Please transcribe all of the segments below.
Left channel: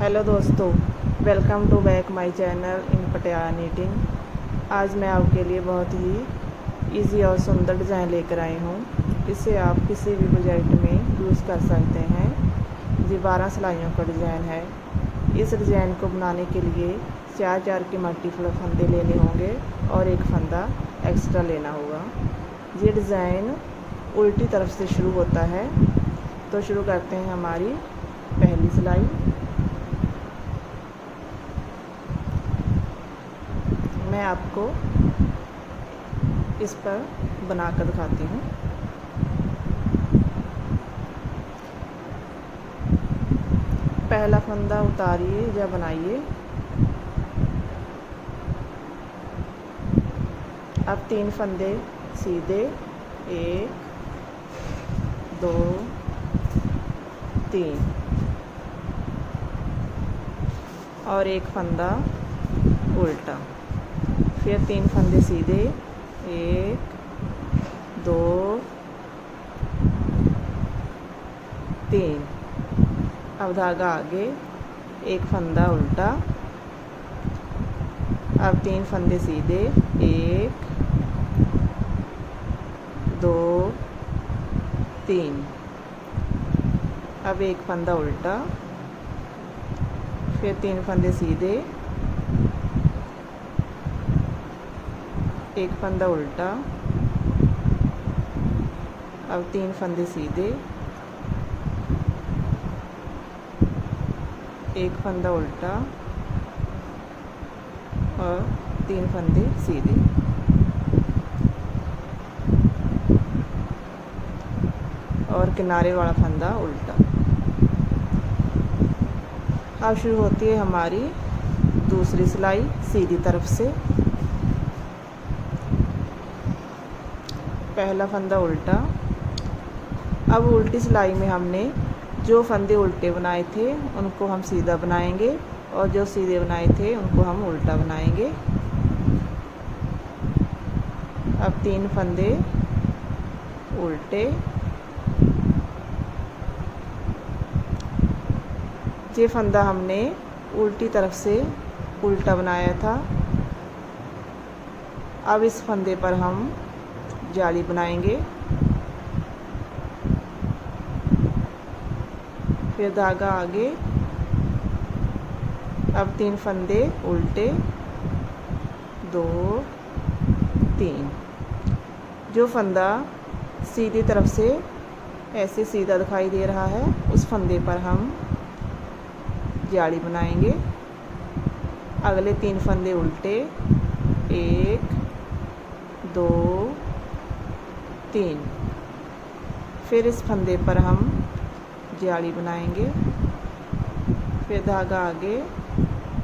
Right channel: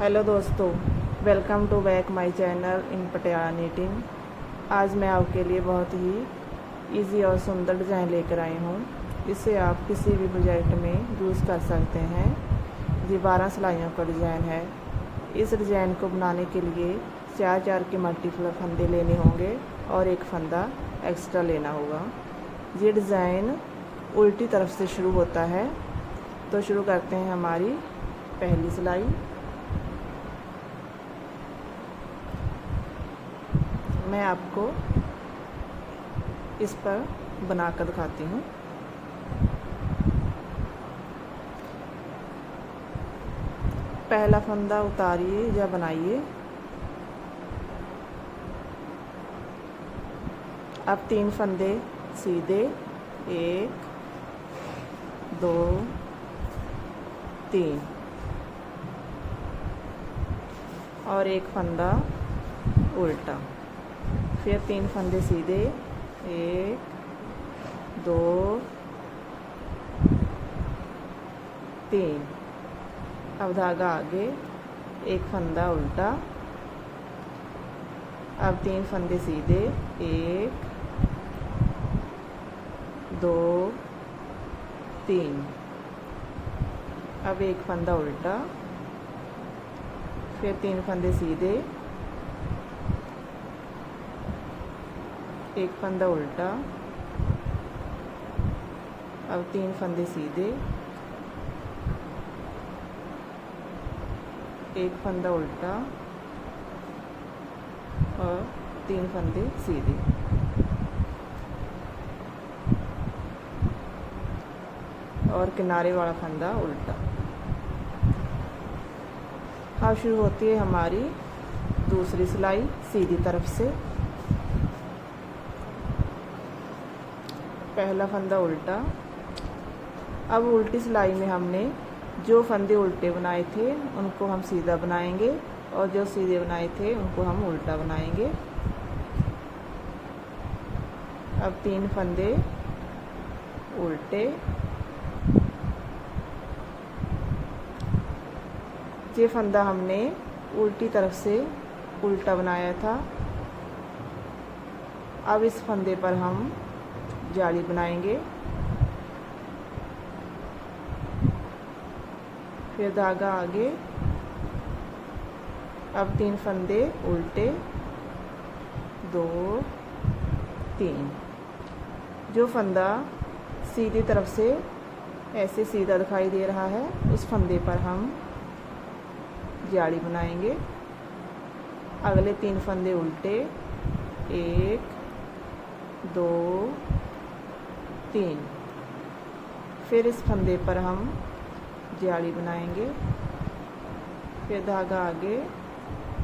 Hello दोस्तों, welcome to back my channel in Patiala knitting. आज मैं आपके लिए बहुत ही इजी और सुंदर डिज़ाइन लेकर आई हूँ। इसे आप किसी भी प्रोजेक्ट में यूज़ कर सकते हैं। ये 12 सिलाइयों का डिज़ाइन है। इस डिज़ाइन को बनाने के लिए 4 के मल्टीपल फंदे लेने होंगे और एक फंदा एक्स्ट्रा लेना होगा। ये डिज़ाइन उल्टी तरफ से शुरू होता है। तो शुरू करते हैं हमारी पहली सिलाई। मैं आपको इस पर बनाकर दिखाती हूँ। पहला फंदा उतारिए या बनाइए। अब 3 फंदे सीधे, 1 2 3 और एक फंदा उल्टा। फिर 3 फंदे सीधे, 1 2 3। अब धागा आगे, एक फंदा उल्टा। अब 3 फंदे सीधे, 1 2 3। अब एक फंदा उल्टा। फिर 3 फंदे सीधे, एक फंदा उल्टा। अब 3 फंदे सीधे, एक फंदा उल्टा और 3 फंदे सीधे। और किनारे वाला फंदा उल्टा। अब शुरू होती है हमारी दूसरी सिलाई सीधी तरफ से। पहला फंदा उल्टा। अब उल्टी सिलाई में हमने जो फंदे उल्टे बनाए थे उनको हम सीधा बनाएंगे और जो सीधे बनाए थे उनको हम उल्टा बनाएंगे। अब 3 फंदे उल्टे। ये फंदा हमने उल्टी तरफ से उल्टा बनाया था। अब इस फंदे पर हम जाली बनाएंगे। फिर धागा आगे। अब 3 फंदे उल्टे, 2 3। जो फंदा सीधी तरफ से ऐसे सीधा दिखाई दे रहा है उस फंदे पर हम जाली बनाएंगे। अगले 3 फंदे उल्टे, 1 2 3। फिर इस फंदे पर हम जाली बनाएंगे। फिर धागा आगे।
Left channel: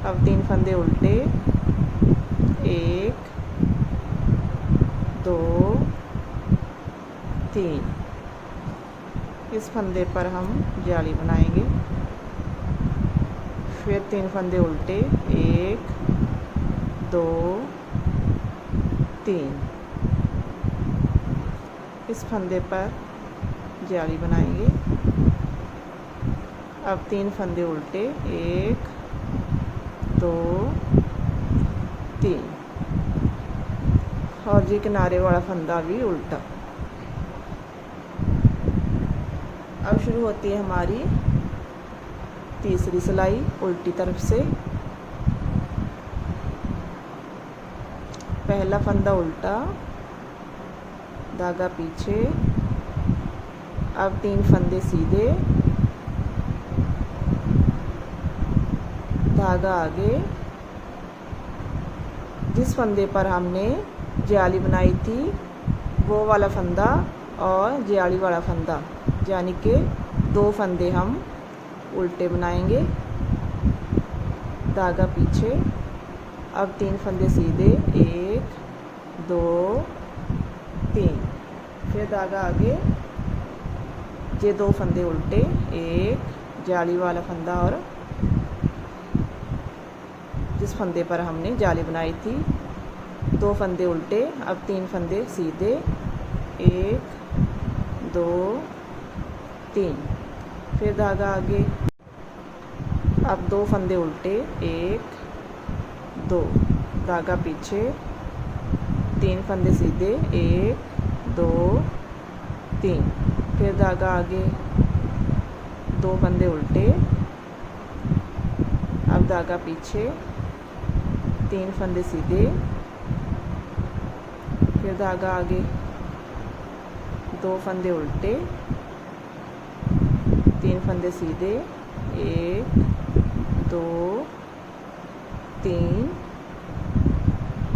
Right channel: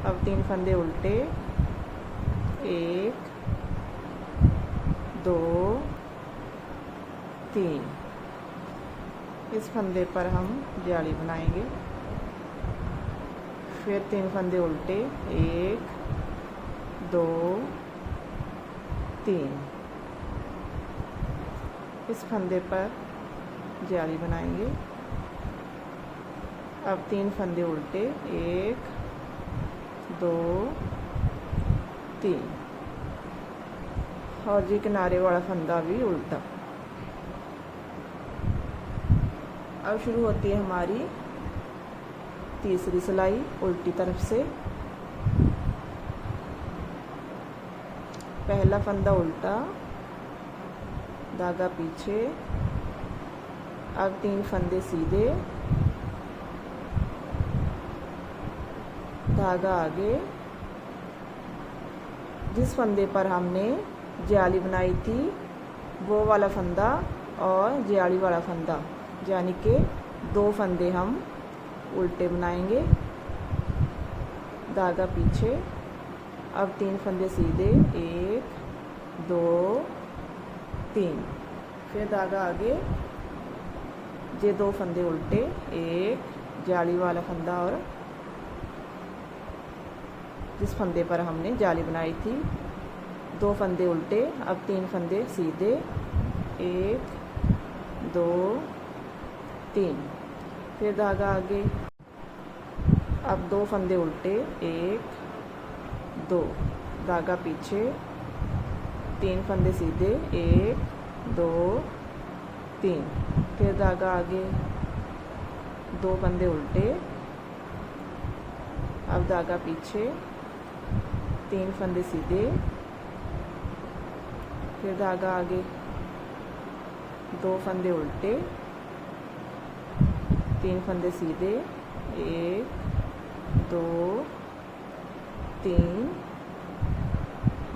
अब 3 फंदे उल्टे, 1 2 3। इस फंदे पर हम जाली बनाएंगे। फिर 3 फंदे उल्टे, 1 2 3। इस फंदे पर जाली बनाएंगे। अब 3 फंदे उल्टे, 1 2 3। और जी किनारे वाला फंदा भी उल्टा। अब शुरू होती है हमारी तीसरी सिलाई उल्टी तरफ से। पहला फंदा उल्टा, धागा पीछे। अब 3 फंदे सीधे, धागा आगे। जिस फंदे पर हमने जाली बनाई थी वो वाला फंदा और जाली वाला फंदा, यानी कि 2 फंदे हम उल्टे बनाएंगे। धागा पीछे। अब 3 फंदे सीधे, 1 2 3। फिर धागा आगे। ये 2 फंदे उल्टे, एक जाली वाला फंदा और जिस फंदे पर हमने जाली बनाई थी 2 फंदे उल्टे। अब 3 फंदे सीधे, 1 2 3। फिर धागा आगे। अब 2 फंदे उल्टे, 1 2, धागा पीछे, 3 फंदे सीधे, 1 2 3, फिर धागा आगे, 2 फंदे उल्टे, अब धागा पीछे, 3 फंदे सीधे, फिर धागा आगे, 2 फंदे उल्टे, 3 फंदे सीधे, 1 2 3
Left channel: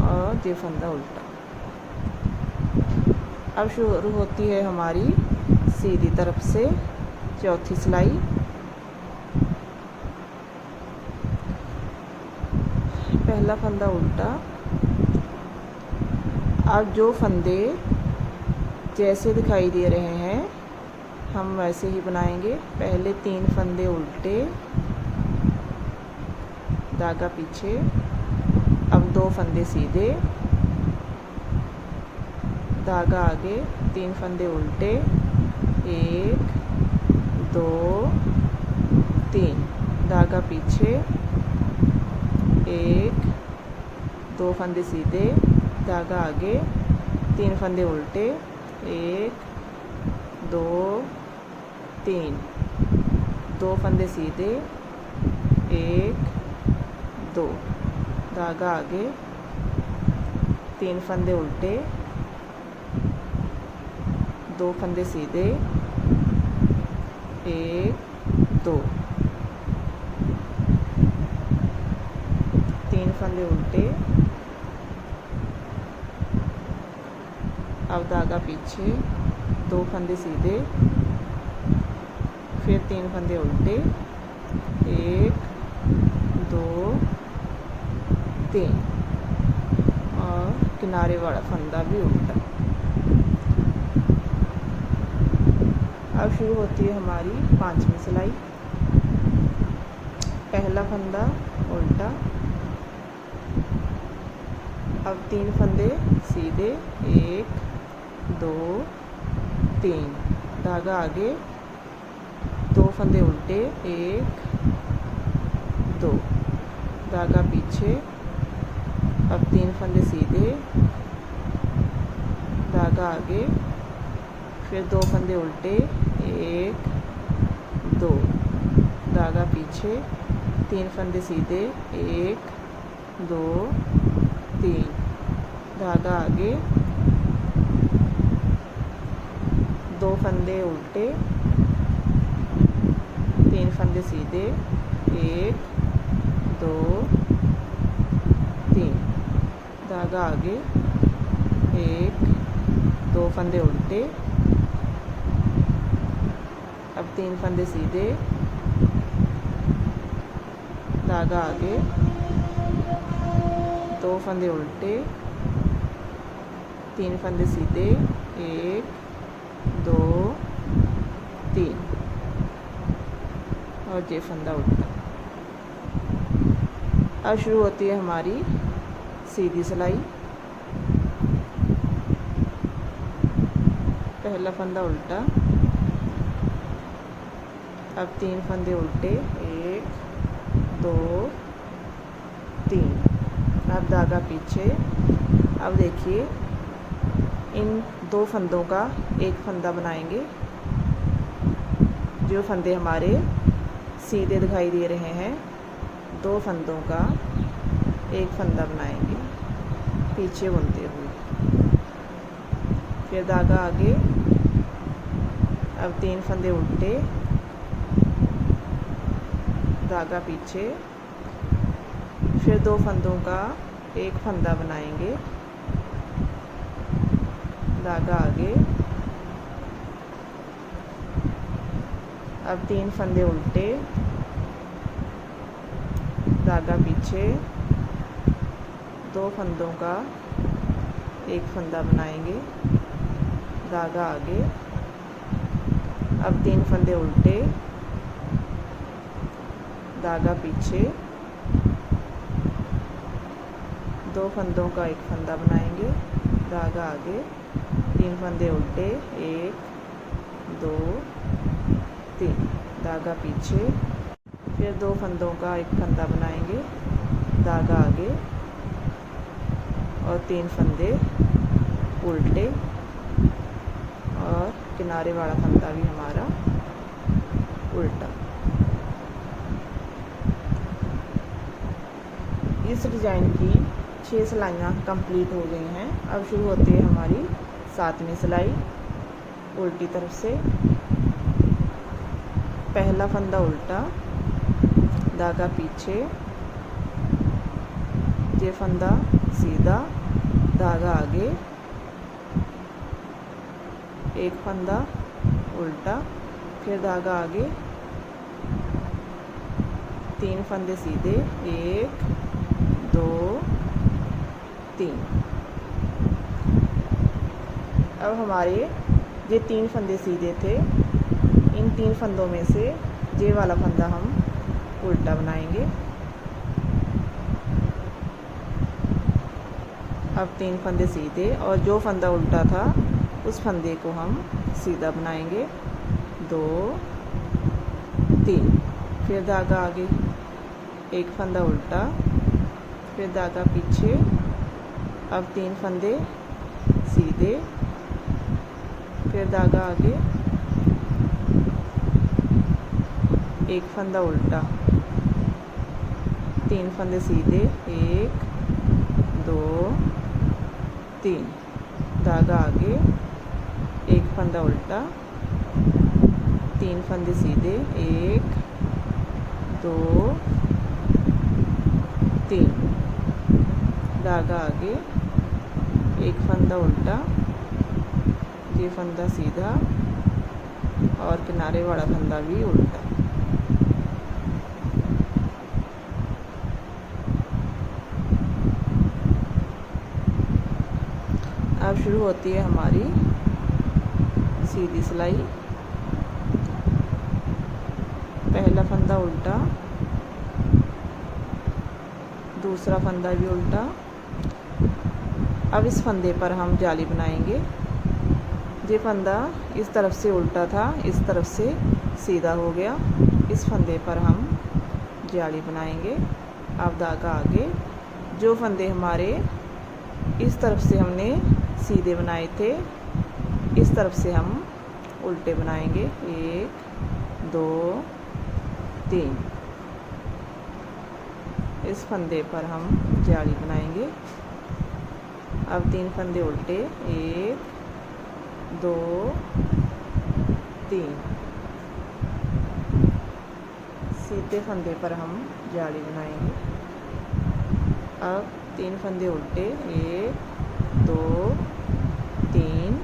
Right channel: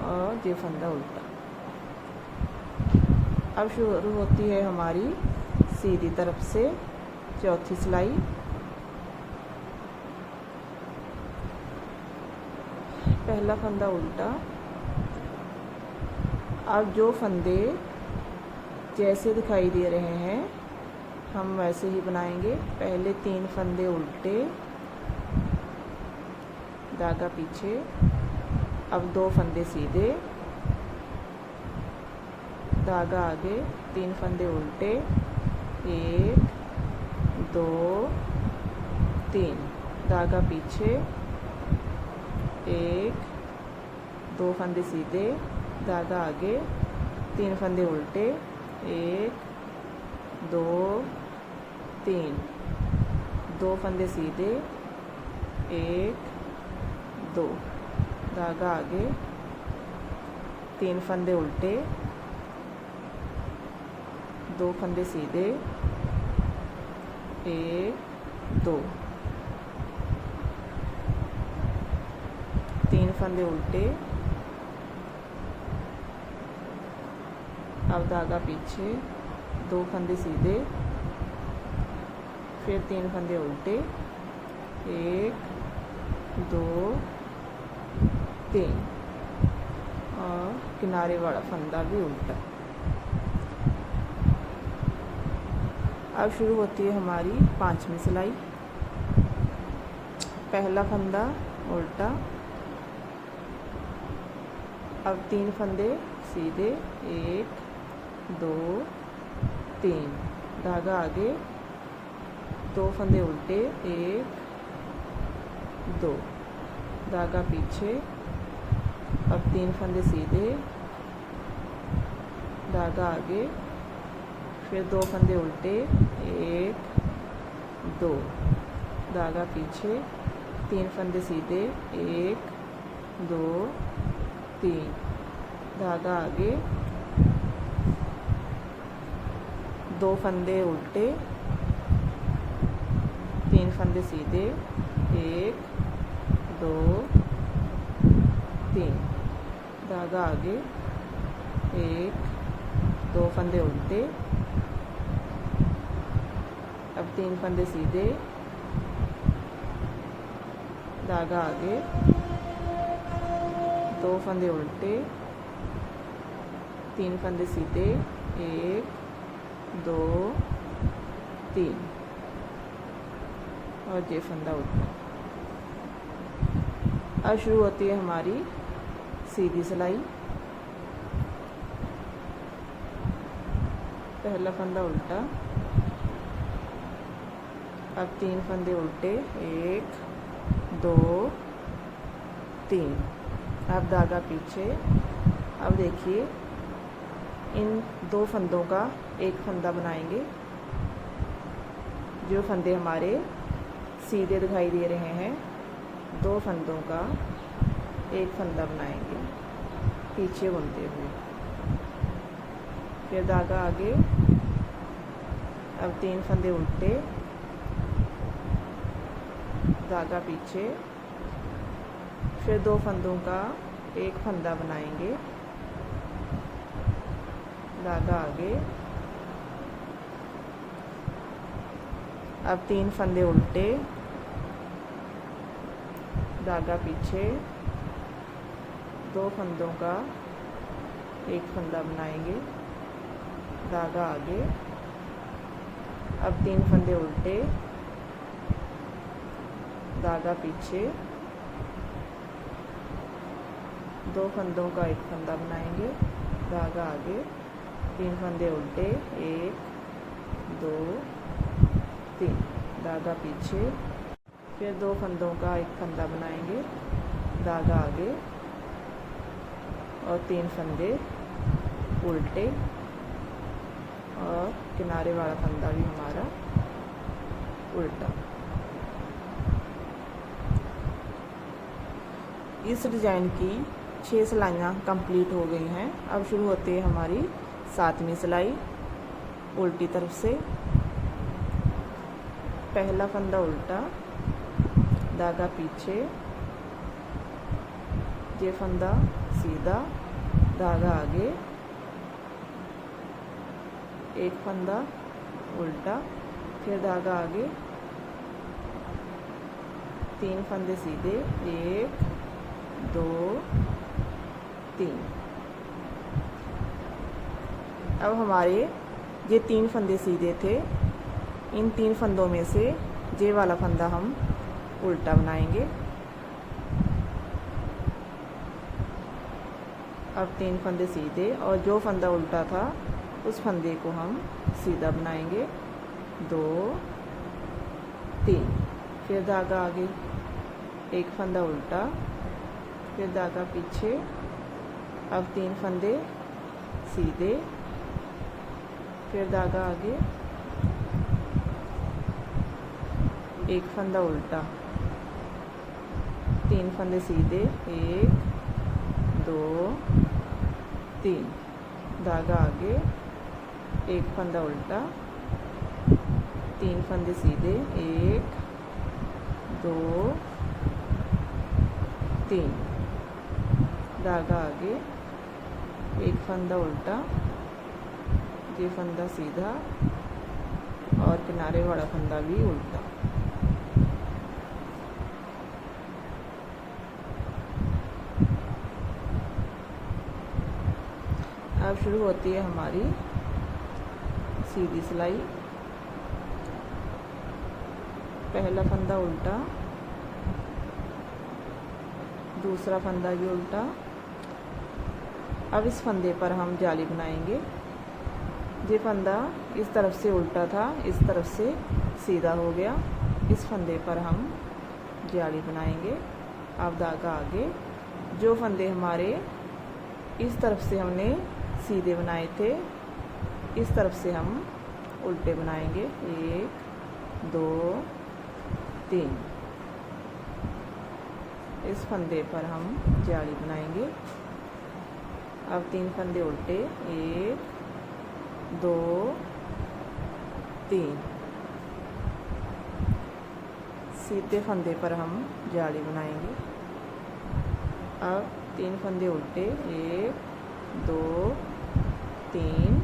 और ये फंदा उल्टा। अब शुरू होती है हमारी सीधी तरफ से चौथी सिलाई। पहला फंदा उल्टा। अब जो फंदे जैसे दिखाई दे रहे हैं हम वैसे ही बनाएंगे। पहले 3 फंदे उल्टे, धागा पीछे, अब 2 फंदे सीधे, धागा आगे, 3 फंदे उल्टे, 1 2 3, धागा पीछे, 1 2 फंदे सीधे, धागा आगे, 3 फंदे उल्टे, 1 2 3, 2 फंदे सीधे, 1 2, धागा आगे, 3 फंदे उल्टे, 2 फंदे सीधे, 1 2, 3 फंदे उल्टे, अब धागा पीछे, 2 फंदे सीधे, फिर 3 फंदे उल्टे, 1 2 3 और किनारे वाला फंदा भी उल्टा। अब शुरू होती है हमारी 5वीं सिलाई। पहला फंदा उल्टा, अब 3 फंदे सीधे, 1 2 3, धागा आगे, 2 फंदे उल्टे, 1 2, धागा पीछे, अब 3 फंदे सीधे, धागा आगे, फिर 2 फंदे उल्टे, 1 2, धागा पीछे, 3 फंदे सीधे, 1 2 3, धागा आगे, 2 फंदे उल्टे, 3 फंदे सीधे, 1 2 3, धागा आगे, 1 2 फंदे उल्टे, अब 3 फंदे सीधे, धागा आगे, 2 फंदे उल्टे, 3 फंदे सीधे, 1 2 3 और ये फंदा उल्टा। अब शुरू होती है हमारी सीधी सिलाई। पहला फंदा उल्टा, अब 3 फंदे उल्टे, 1 2 3, अब धागा पीछे। अब देखिए इन 2 फंदों का एक फंदा बनाएंगे। जो फंदे हमारे सीधे दिखाई दे रहे हैं 2 फंदों का एक फंदा बनाएंगे पीछे बुनते हुए। फिर धागा आगे, अब 3 फंदे उल्टे, धागा पीछे, फिर 2 फंदों का एक फंदा बनाएंगे, धागा आगे, अब 3 फंदे उल्टे, धागा पीछे, 2 फंदों का एक फंदा बनाएंगे, धागा आगे, अब 3 फंदे उल्टे, धागा पीछे, 2 फंदों का एक फंदा बनाएंगे, धागा आगे, 3 फंदे उल्टे, 1 2 3, धागा पीछे, फिर 2 फंदों का एक फंदा बनाएंगे, धागा आगे और 3 फंदे उल्टे और किनारे वाला फंदा भी हमारा उल्टा। इस डिज़ाइन की 6 सिलाइयाँ कंप्लीट हो गई हैं। अब शुरू होती है हमारी 7वीं सिलाई। उल्टी तरफ से पहला फंदा उल्टा, धागा पीछे, ये फंदा सीधा, धागा आगे, एक फंदा उल्टा, फिर धागा आगे, 3 फंदे सीधे, 1 2 3। अब हमारे ये 3 फंदे सीधे थे, इन 3 फंदों में से ये वाला फंदा हम उल्टा बनाएंगे। अब 3 फंदे सीधे और जो फंदा उल्टा था उस फंदे को हम सीधा बनाएंगे, 2 3। फिर धागा आगे, एक फंदा उल्टा, फिर धागा पीछे, अब 3 फंदे सीधे, फिर धागा आगे, एक फंदा उल्टा, 3 फंदे सीधे, 1 2 3, धागा आगे, एक फंदा उल्टा, 3 फंदे सीधे, 1 2 3, धागा आगे, एक फंदा उल्टा, ये फंदा सीधा और किनारे वाला फंदा भी उल्टा। अब शुरू होती है हमारी सीधी सिलाई। पहला फंदा उल्टा, दूसरा फंदा भी उल्टा। अब इस फंदे पर हम जाली बनाएंगे। ये फंदा इस तरफ से उल्टा था, इस तरफ से सीधा हो गया। इस फंदे पर हम जाली बनाएंगे। अब धागा आगे, जो फंदे हमारे इस तरफ से हमने सीधे बनाए थे, इस तरफ से हम उल्टे बनाएंगे, 1 2 3। इस फंदे पर हम जाली बनाएंगे। अब 3 फंदे उल्टे, 1 2 3। सीधे फंदे पर हम जाली बनाएंगे। अब 3 फंदे उल्टे, 1 2 3।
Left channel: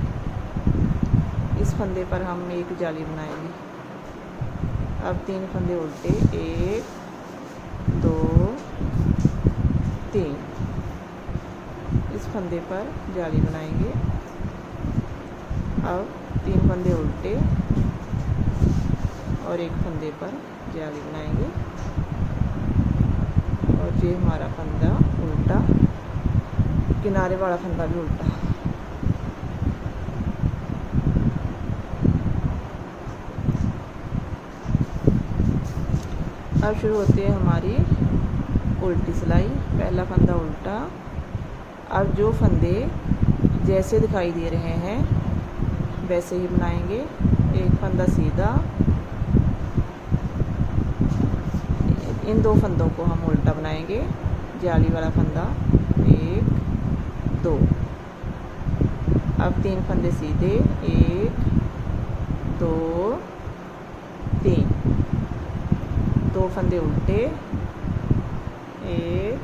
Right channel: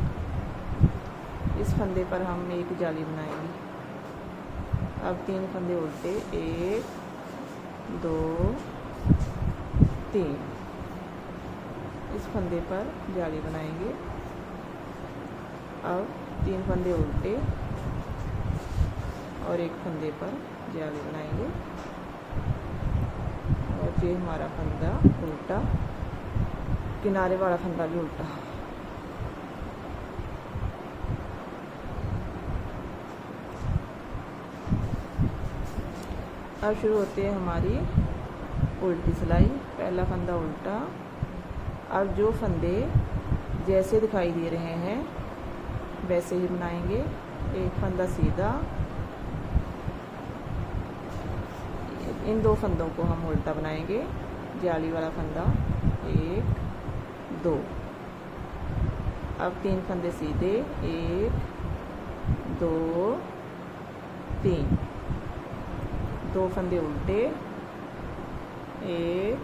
इस फंदे पर हम एक जाली बनाएंगे। अब 3 फंदे उल्टे, 1 2 3। इस फंदे पर जाली बनाएंगे। अब 3 फंदे उल्टे और एक फंदे पर जाली बनाएंगे और ये हमारा फंदा उल्टा, किनारे वाला फंदा भी उल्टा। अब शुरू होती है हमारी उल्टी सिलाई। पहला फंदा उल्टा। अब जो फंदे जैसे दिखाई दे रहे हैं वैसे ही बनाएंगे। एक फंदा सीधा, इन 2 फंदों को हम उल्टा बनाएंगे। जाली वाला फंदा, 1 2। अब 3 फंदे सीधे, 1 2 3। 2 फंदे उल्टे, 1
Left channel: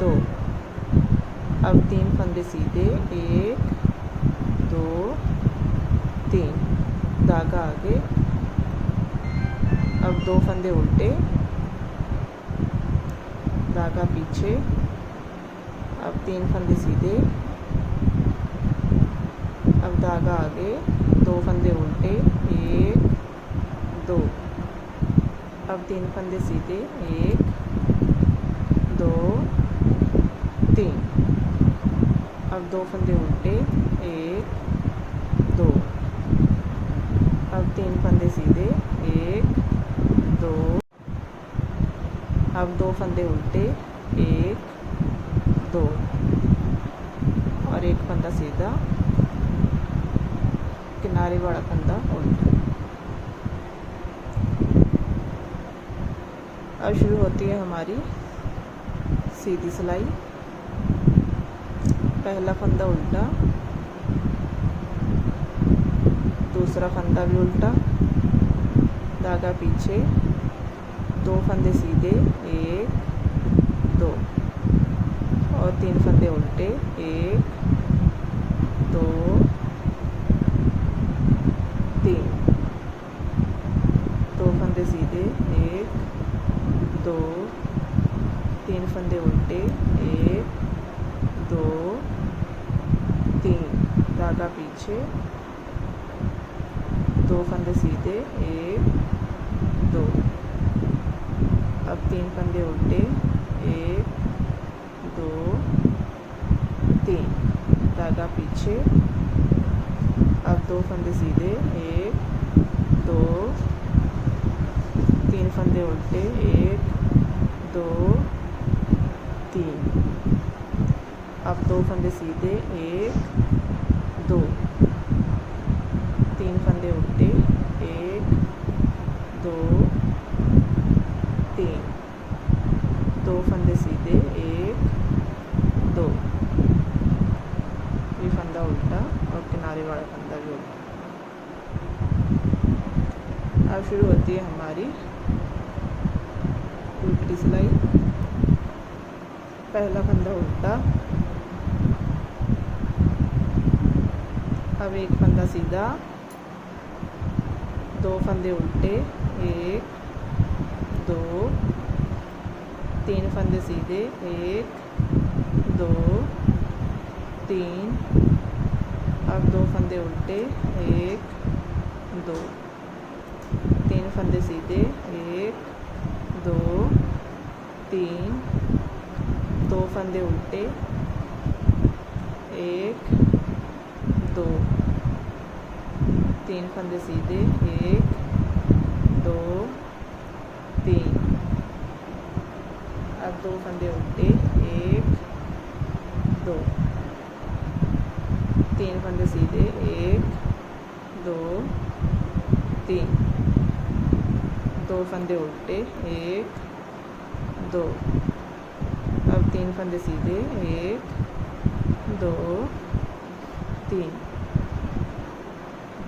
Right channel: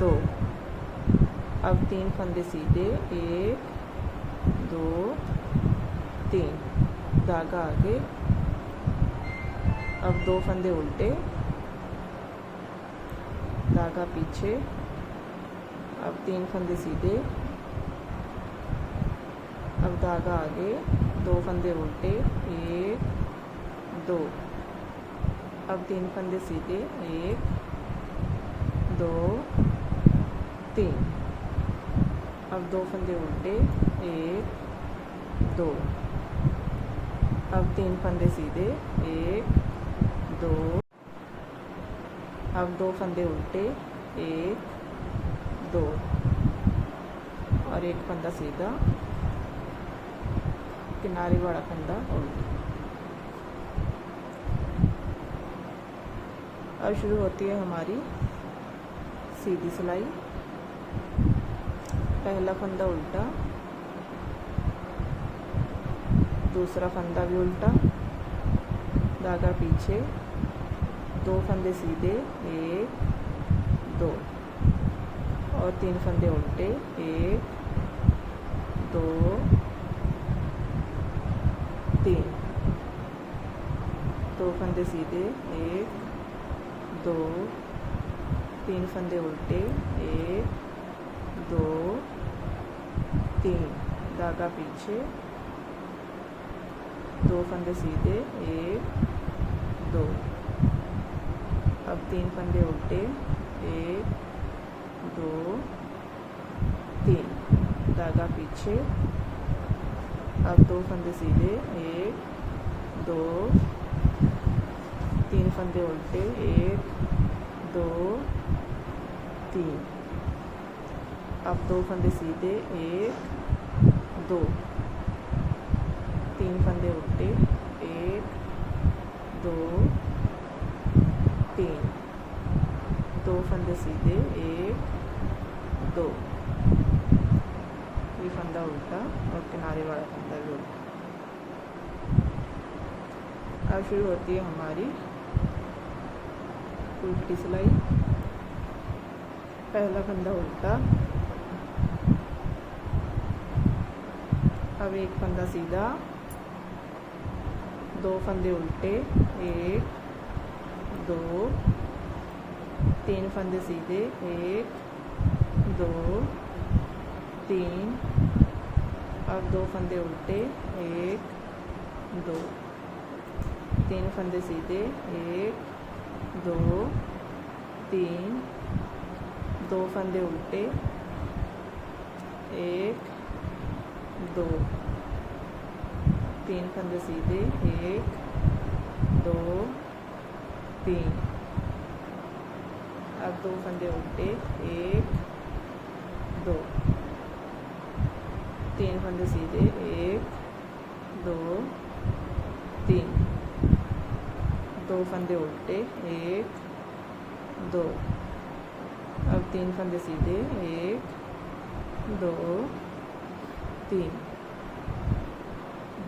2। अब 3 फंदे सीधे, 1 2 3। धागा आगे। अब 2 फंदे उल्टे, धागा पीछे। अब 3 फंदे सीधे, अब धागा आगे, 2 फंदे उल्टे, 1 2। अब 3 फंदे सीधे, 1 2 3। अब 2 फंदे उल्टे, 1 2। अब 3 फंदे सीधे, 1 2 अब 2 फंदे उल्टे, 1 2 और एक फंदा सीधा, किनारे वाला फंदा उल्टा। अब शुरू होती है हमारी सीधी सिलाई। पहला फंदा उल्टा, दूसरा फंदा भी उल्टा, धागा पीछे, 2 फंदे सीधे, 1 2 और 3 फंदे उल्टे, 1 2 3, 2 फंदे सीधे, 1 2 3 फंदे उल्टे, 1 2 3, धागा पीछे, 2 फंदे सीधे, 1 2, अब 3 फंदे उल्टे, 1 2 3, धागा पीछे, अब 2 फंदे सीधे, 1 2 3 फंदे उल्टे, 1 2 3, अब 2 फंदे सीधे, 1 2 3 फंदे उल्टे, 1 2 3, 2 फंदे सीधे, 1 2, ये फंदा उल्टा और किनारे वाला फंदा भी उल्टा। अब शुरू होती है हमारी उल्टी सिलाई। पहला फंदा उल्टा, अब एक फंदा सीधा, 2 फंदे उल्टे, 1 2 3 फंदे सीधे, 1 2 3, अब 2 फंदे उल्टे, 1 2 3 फंदे सीधे, 1 2 3, 2 फंदे उल्टे, 1 2 3 फंदे सीधे, 1 2 3, अब 2 फंदे उल्टे, 1 2 3 फंदे सीधे, 1 2 3, 2 फंदे उल्टे, 1 2, अब 3 फंदे सीधे, 1 2 3,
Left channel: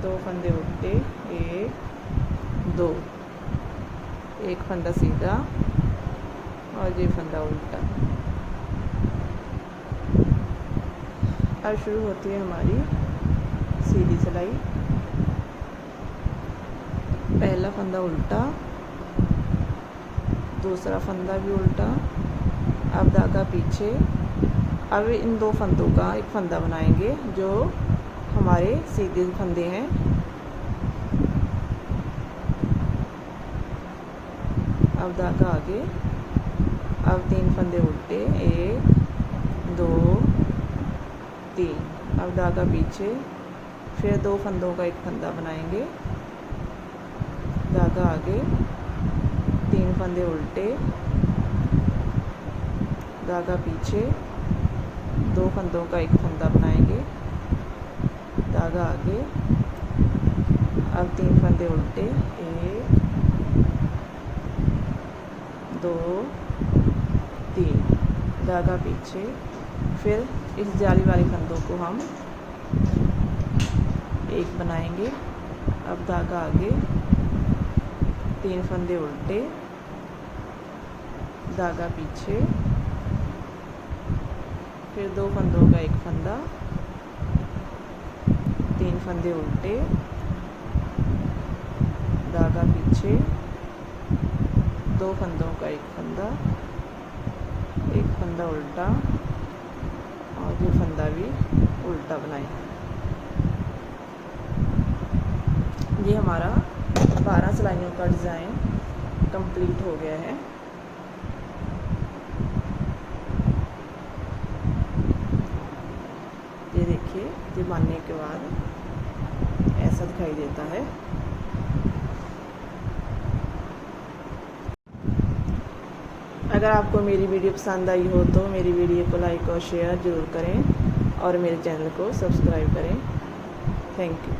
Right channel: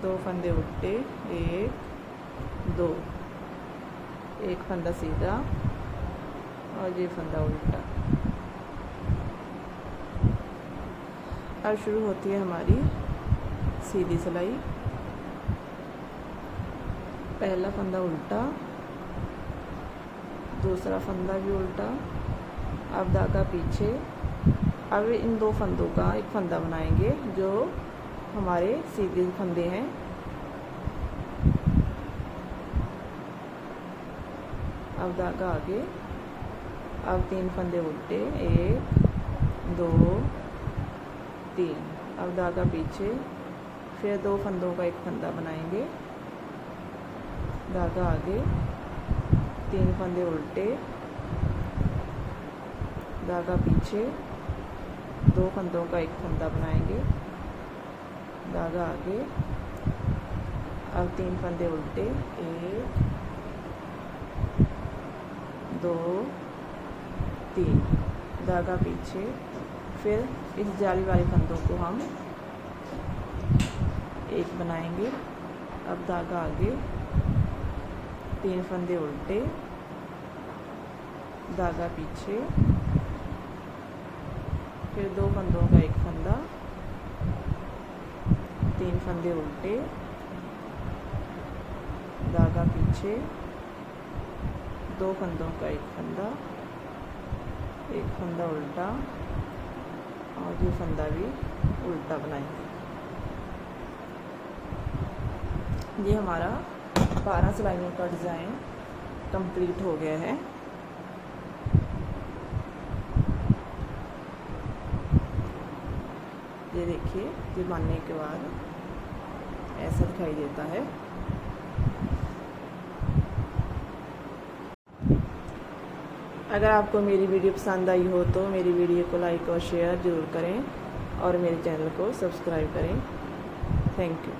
2 फंदे उल्टे, 1 2, एक फंदा सीधा और ये फंदा उल्टा। अब शुरू होती है हमारी सीधी सिलाई। पहला फंदा उल्टा, दूसरा फंदा भी उल्टा, अब धागा पीछे। अब इन 2 फंदों का एक फंदा बनाएंगे जो हमारे सीधे फंदे हैं। अब धागा आगे, अब 3 फंदे उल्टे, 1 2 3, अब धागा पीछे, फिर 2 फंदों का एक फंदा बनाएंगे, धागा आगे, 3 फंदे उल्टे, धागा पीछे, 2 फंदों का एक फंदा बनाएंगे, धागा आगे, अब 3 फंदे उल्टे, 1 2 3, धागा पीछे, फिर इस जाली वाले फंदों को हम एक बनाएंगे। अब धागा आगे, 3 फंदे उल्टे, धागा पीछे, फिर 2 फंदों का एक फंदा, 3 फंदे उल्टे, धागा पीछे, 2 फंदों का एक फंदा, एक फंदा उल्टा और ये फंदा भी उल्टा बनाएंगे। ये हमारा 12 सिलाइयों का डिज़ाइन कंप्लीट हो गया है। ये देखिए, ये बांधने के बाद ऐसा दिखाई देता है। अगर आपको मेरी वीडियो पसंद आई हो तो मेरी वीडियो को लाइक और शेयर ज़रूर करें और मेरे चैनल को सब्सक्राइब करें। Thank you.